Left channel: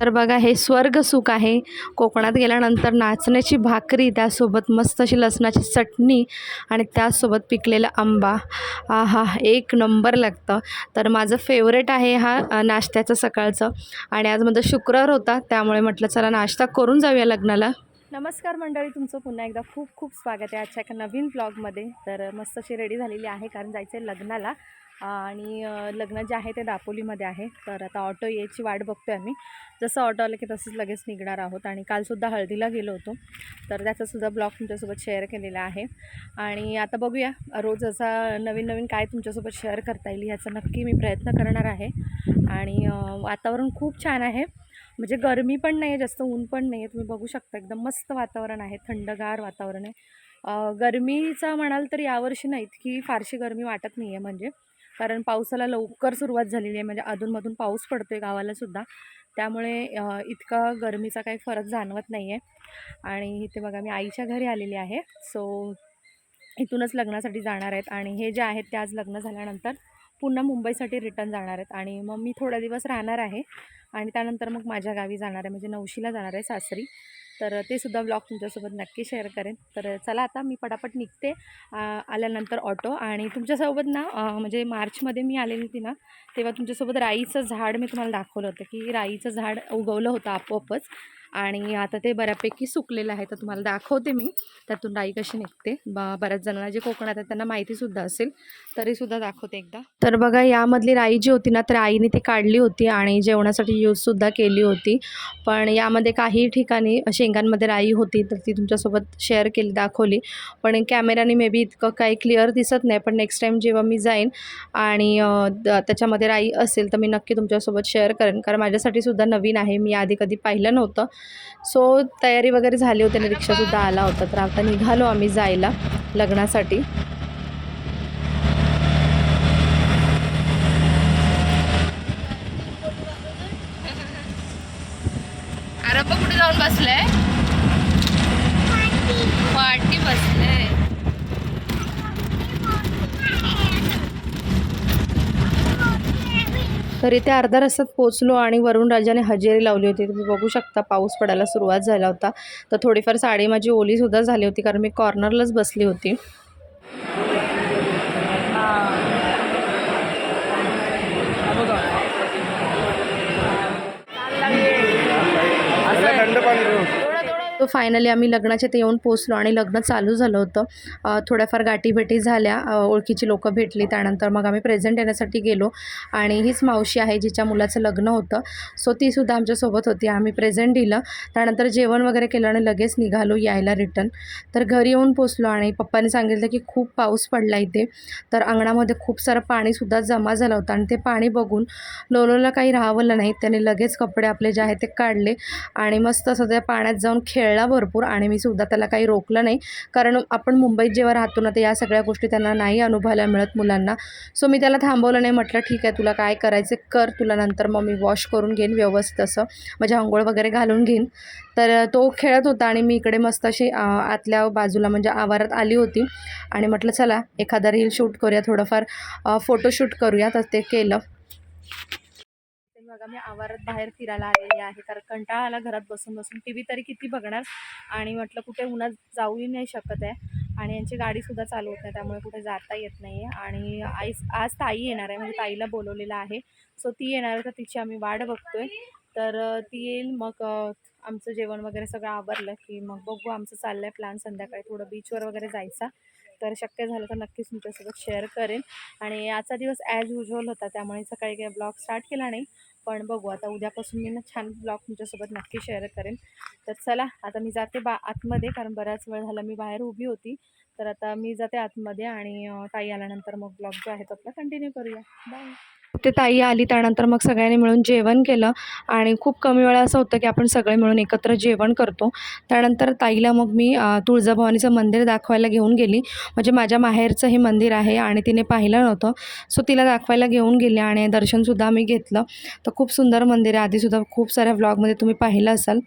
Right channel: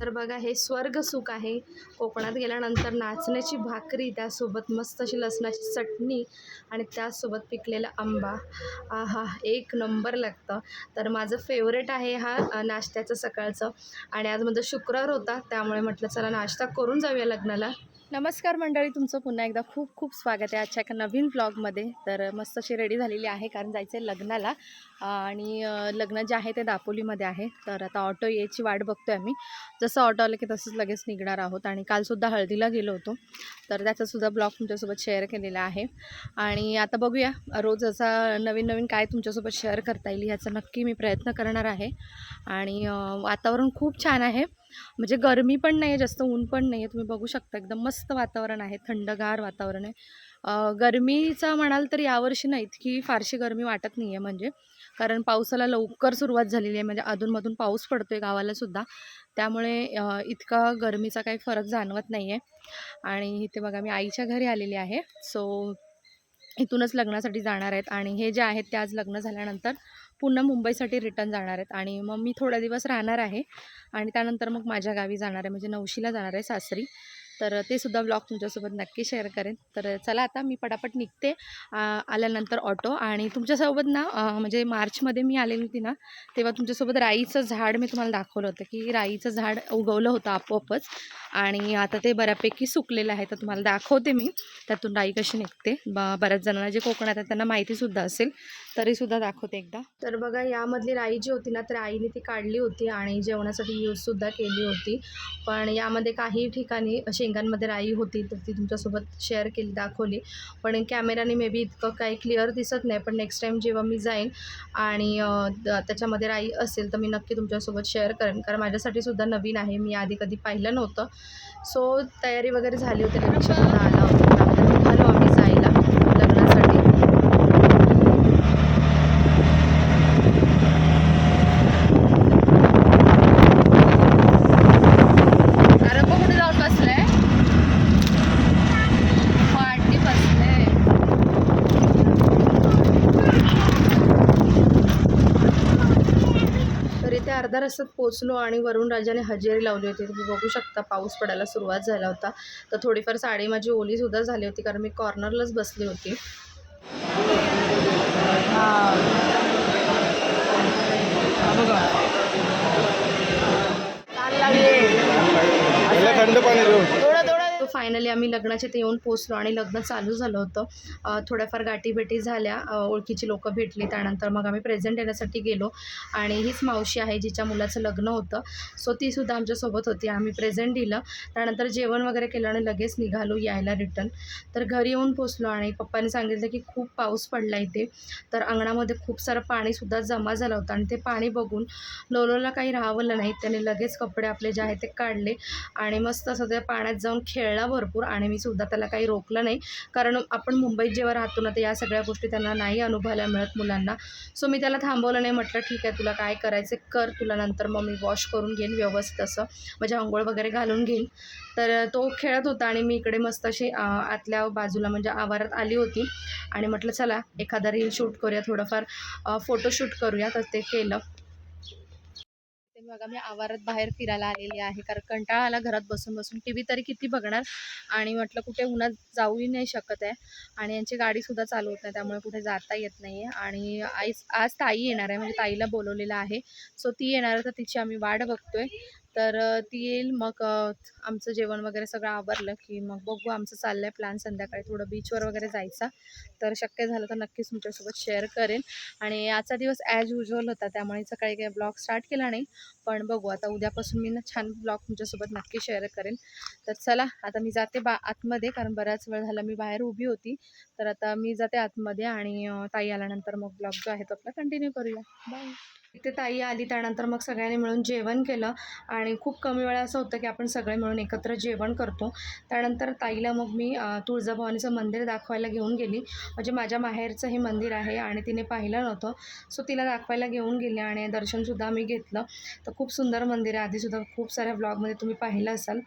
तर बघा हे स्वर्ग सुख आहे. कोकणात गेल्यानंतर नाचण्याची भाकरी त्यासोबत मस्त अशी लसणाची चटणी आणि त्यासोबत पिकलेला आंबा. आहा एक नंबर लागतं. तर माझं फेवरेट आहे हा नाश्त्याचं सकाळचं. आणि आज माझा शुक्रवार होता त्यामुळे म्हटलं चला नाश्ता करून जाऊया लग्नाला. नमस्कार मंडळी तुमचं पुन्हा एकदा खूप खूप स्वागत आहे आजच्या एका नवीन ब्लॉगमध्ये तर मस्त अशी रेडी झालेली आहे कारण जायचं आहे लग्नाला. आणि लग्न जे आहे ते दापोलीमध्ये आहे. तर आता ऑटो यायची वाट बघतो आहे आम्ही. जसं ऑटो आलं की तसंच लगेच निघणार आहोत. आणि कालसुद्धा हळदीला गेलो होतो. तर त्याचासुद्धा ब्लॉग तुमच्यासोबत शेअर केलेला आहे. आणि आता बघूया रोज असा नवीन नवीन काय तुमच्यासोबत शेअर करता येईल ह्याचा नक्की मी प्रयत्न करणार आहे. आणि वातावरण खूप छान आहे. म्हणजे गरमी पण नाही आहे जास्त ऊन पण नाही आहे तुम्ही बघू शकता एकदम मस्त वातावरण आहे थंडगार वातावरण आहे. गरमीचा म्हणाल तर यावर्षी नाही इतकी फारशी गरमी वाटत नाही आहे म्हणजे. कारण पावसाला लवकर सुरुवात झालेली आहे म्हणजे अधूनमधून पाऊस पडतो आहे गावालासुद्धा त्यामुळे इतका गरमीचा काही फरक जाणवत नाही आहे आणि इथे बघा मी आईच्या घरी आलेली आहे. सो इथूनच लग्नासाठी जाणार आहेत. आणि हे जे आहेत ते आज लग्न झाल्यानंतर पुन्हा मुंबईसाठी रिटर्न जाणार आहेत आणि मग मी थोडा दिवस राहणार आहे आणि त्यानंतर मग माझ्या गावी जाणार आहे म्हणजे नवशीला जाणार आहे सासरी. तर ते सुद्धा ब्लॉग तुमच्यासोबत नक्की शेअर करेन. तर चला आता मी पटापट निघते आल्यानंतर ऑटो आणि तुमच्यासोबत ना म्हणजे मार्चमध्ये मी आलेली होती ना तेव्हा तुमच्यासोबत राईचं झाड मी तुम्हाला दाखवलं होतं की राईचं झाड उगवलं होतं आपोआपच. आणि आता ते बऱ्यापैकी सुकलेलं आहे तर तुम्हाला दाखवते मी. त्यातून राई कशी निघते. ब बऱ्याच जणांना जे कोकणात आहेत त्यांना माहितीसुद्धा असेल. तरीसुद्धा दाखवते एकदा. तर बघा यामधली राई जी होती ना तर आईने ती काढली होती आणि जेवणासाठी यूजसुद्धा केली होती. पण यामध्ये काही ठिकाणी शेंगांमध्ये राई होती तर ती तुमच्यासोबत शेअर केली दाखवली. पण कॅमेराने मे बी इतकं काही क्लिअर दिसत नाही पण नेक्स्ट टाईम जेव्हा मी जाईन आणि द- त्याच्यामध्ये राई असेल तर मी नक्की तुमच्यासोबत शेअर करेन. कारण माझ्यासाठी सुद्धा नवीन आहे. मी आधी कधी पाहिलं नव्हतं. सो तयारी वगैरे झाली होती रिक्षासुद्धा आला होता. तर आता निघालो आम्ही जायला लग्नासाठी अरे मग कुठे जाऊन बसलाय पाठी बसले तर इथे अर्धा रस्त्यात पोचलो आणि वरुण राजाने हजेरी लावली होती. तुम्ही बघू शकता पाऊस पडायला सुरुवात झाला होता. तर थोडीफार साडी माझी ओलीसुद्धा झाली होती कारण मी कॉर्नरलाच बसली होती त्याला थंड पाणी देऊ तो फायनली आम्ही लग्नाच्या ते येऊन पोचलो आणि लग्न चालू झालं होतं. थोड्याफार गाठीभेटी झाल्या. ओळखीची लोकं भेटली. त्यानंतर मग आम्ही प्रेझेंट येण्यासाठी गेलो. आणि हीच मावशी आहे जिच्या मुलाचं लग्न होतं. सो तीसुद्धा आमच्यासोबत होती. आम्ही प्रेझेंट दिलं. त्यानंतर जेवण वगैरे केलं आणि लगेच निघालो यायला रिटर्न तर घरी येऊन पोचलो आणि पप्पांनी सांगितलं की खूप पाऊस पडला इथे. तर अंगणामध्ये खूप सारं पाणीसुद्धा जमा झालं होतं आणि ते पाणी बघून लोलोला काही राहावलं नाही. त्याने लगेच कपडे आपले जे आहेत ते काढले आणि मस्त असं त्या पाण्यात जाऊन खेळला. भरपूर आणि मी सुद्धा त्याला काही रोकलं नाही. कारण आपण मुंबईत जेव्हा राहतो ना तर या सगळ्या गोष्टी त्यांना नाही अनुभवायला मिळत मुलांना. सो मी त्याला थांबवलं नाही. म्हटलं ठीक आहे तुला काय करायचं कर. तुला नंतर मग मी वॉश करून घेईन व्यवस्थित असं. म्हणजे आंघोळ वगैरे घालून घेईन. तर तो खेळत होता आणि मी इकडे मस्त अशी आतल्या बाजूला म्हणजे आवारात आली होती. आणि म्हटलं चला एखादा रील शूट करूया थोडंफार. फोटोशूट करूया. तर ते केलं. बघा मी आवारात बाहेर फिरायला आलेली आहे. कारण कंटाळा आला घरात बसून बसून. टी व्ही तरी किती बघणार? आणि म्हटलं कुठे उन्हात जाऊही नाही शकत आहे. आणि यांची गाडीसुद्धा चालू होत नाही. त्यामुळे कुठे जाता येत नाही आहे आणि आई आज ताई येणार आहे. म्हणजे ताईला बोलवलेलं आहे. सो ती येणार तर तिची आम्ही वाट बघतोय. तर ती येईल. मग आमचं जेवण वगैरे सगळं आवरलं की मग बघू आमचं चाललं आहे प्लॅन संध्याकाळी. थोडं बीचवर वगैरे जायचा. तर शक्य झालं तर नक्कीच तुमच्यासोबत शेअर करेन. आणि आजचा दिवस ॲज युजल होता त्यामुळे सकाळी काही ब्लॉग स्टार्ट केला नाही. पण बघू आता उद्यापासून मी ना छान ब्लॉग तुमच्यासोबत नक्की शेअर करेन. तर चला आता मी जाते बा आतमध्ये कारण बराच वेळ झाला मी बाहेर उभी होती. तर आता मी जाते आतमध्ये आणि ताई आल्यानंतर मग ब्लॉग जो आहे तो आपला कंटिन्यू करूया. बाय ते ताई आली त्यानंतर मग सगळ्यांनी मिळून जेवण केलं. आणि खूप कमी वेळा असं होतं की आपण सगळे मिळून एकत्र जेवण करतो. त्यानंतर ताईला मग मी तुळजाभवानीचं मंदिर दाखवायला घेऊन गेली. म्हणजे माझ्या माहेरचं हे मंदिर आहे आणि तिने पाहिलं नव्हतं. सो तिला दाखवायला घेऊन गेले आणि दर्शनसुद्धा मी घेतलं. तर खूप सुंदर मंदिर आहे. आधीसुद्धा खूप साऱ्या व्लॉगमध्ये तुम्ही पाहिलं असाल.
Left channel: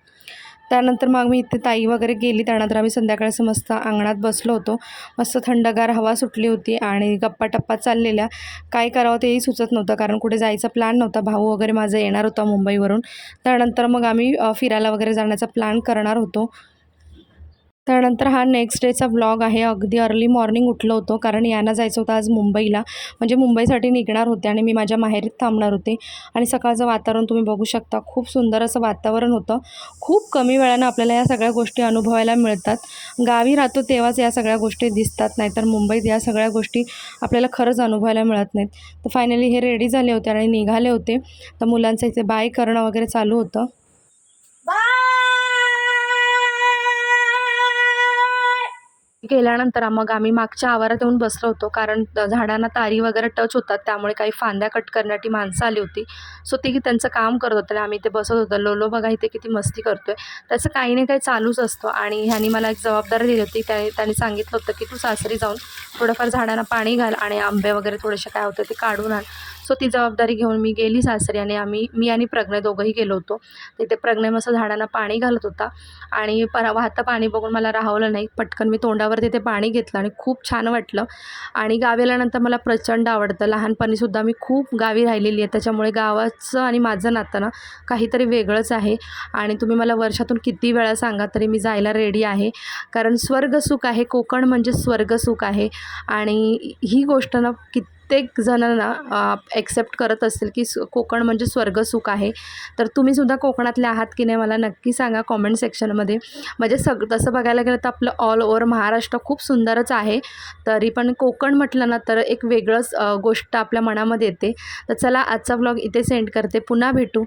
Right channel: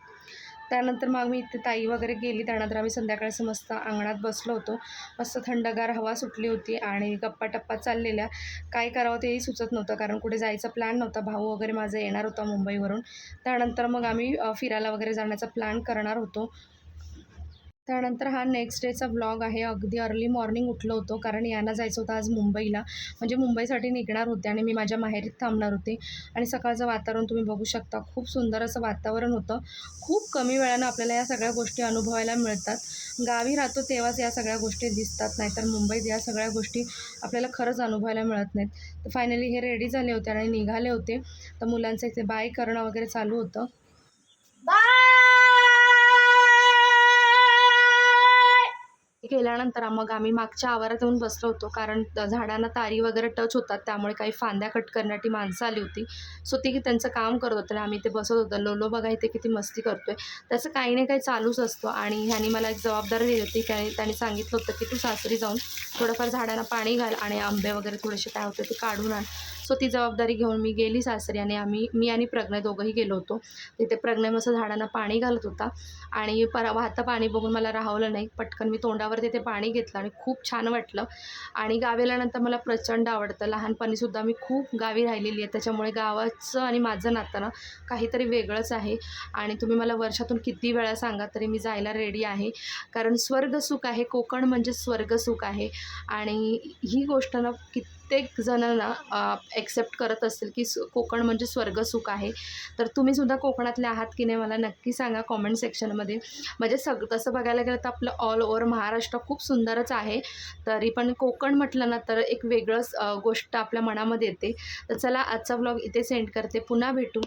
त्यानंतर मग मी इथे ताई वगैरे गेली. त्यानंतर आम्ही संध्याकाळचं मस्त अंगणात बसलो होतो. मस्त थंडगार हवा सुटली होती आणि गप्पा टप्पा चाललेल्या. काय करावं तेही सुचत नव्हतं कारण कुठे जायचा प्लॅन नव्हता. भाऊ वगैरे माझा येणार होता मुंबईवरून. त्यानंतर मग आम्ही फिरायला वगैरे जाण्याचा प्लॅन करणार होतो. त्यानंतर हा नेक्स्ट डेचा व्लॉग आहे. अगदी अर्ली मॉर्निंग उठलो होतो कारण यांना जायचं होतं आज मुंबईला. म्हणजे मुंबईसाठी निघणार होते आणि मी माझ्या माहेरीत थांबणार होते. आणि सकाळचं वातावरण तुम्ही बघू शकता. खूप सुंदर असं वातावरण होतं. खूप कमी वेळानं आपल्याला या सगळ्या गोष्टी अनुभवायला मिळतात. गावी राहतो तेव्हाच या सगळ्या गोष्टी दिसतात नाहीतर मुंबईत या सगळ्या गोष्टी आपल्याला खरंच अनुभवायला मिळत नाहीत. तर फायनली हे रेडी झाले होते आणि निघाले होते. तर मुलांचं इथे बाय करणं वगैरे चालू होतं. गेल्यानंतर मग आम्ही मागच्या आवारात येऊन बसलो होतो. कारण झाडांना तारी वगैरे टच होतात. त्यामुळे काही फांद्या कट करण्यासाठी माणसं आली होती. सो ती त्यांचं काम करत होतं. आणि आम्ही ते बसत होतो. लोलो बघा इथे किती मस्ती करतोय. त्याचं काही ना काही चालूच असतं. आणि ह्यानी मला एक जबाबदारी दिली होती. काय त्यांनी सांगितलं होतं की तू सासरी जाऊन थोडंफार झाडांना पाणी घाल आणि आंबे वगैरे थोडेसे काय होते ते काढून आण. सो ती जबाबदारी घेऊन मी गेली सासरी आणि आम्ही मी आणि प्रज्ञा दोघंही गेलो होतो. तिथे प्रज्ञा मस्त झाडांना पाणी घालत होता. आणि पर वाहतं पाणी बघून मला राहवलं नाही. पटकन मी तोंडावर तिथे पाणी घेतलं आणि खूप छान वाटलं. आणि गावी आल्यानंतर मला प्रचंड आवडतं. लहानपणीसुद्धा मी खूप गावी राहिलेली आहे. त्याच्यामुळे गावाचं आणि माझं नातं ना काहीतरी वेगळंच आहे. आणि तुम्ही मला वर्षातून किती वेळा सांगा तरी मी जायला रेडी आहे. कारण स्वर्गसुख आहे. कोकण म्हणजे स्वर्गसुख आहे. आणि ही गोष्ट ना प्रत्येक जणांना ॲक्सेप्ट करत असेल की कोकण म्हणजे स्वर्गसुख आहे. तर तुम्हीसुद्धा कोकणातले आहात की नाही मला नक्की सांगा कॉमेंट सेक्शनमध्ये म्हणजे सग तसं बघायला गेलं तर आपलं ऑल ओव्हर महाराष्ट्र खूप सुंदरच आहे. तरी पण कोकण म्हटलं ना तर एक वेगळंच गोष्ट आपल्या मनामध्ये येते. तर चला आजचा ब्लॉग इथे सेंड करते. पुन्हा भेटू.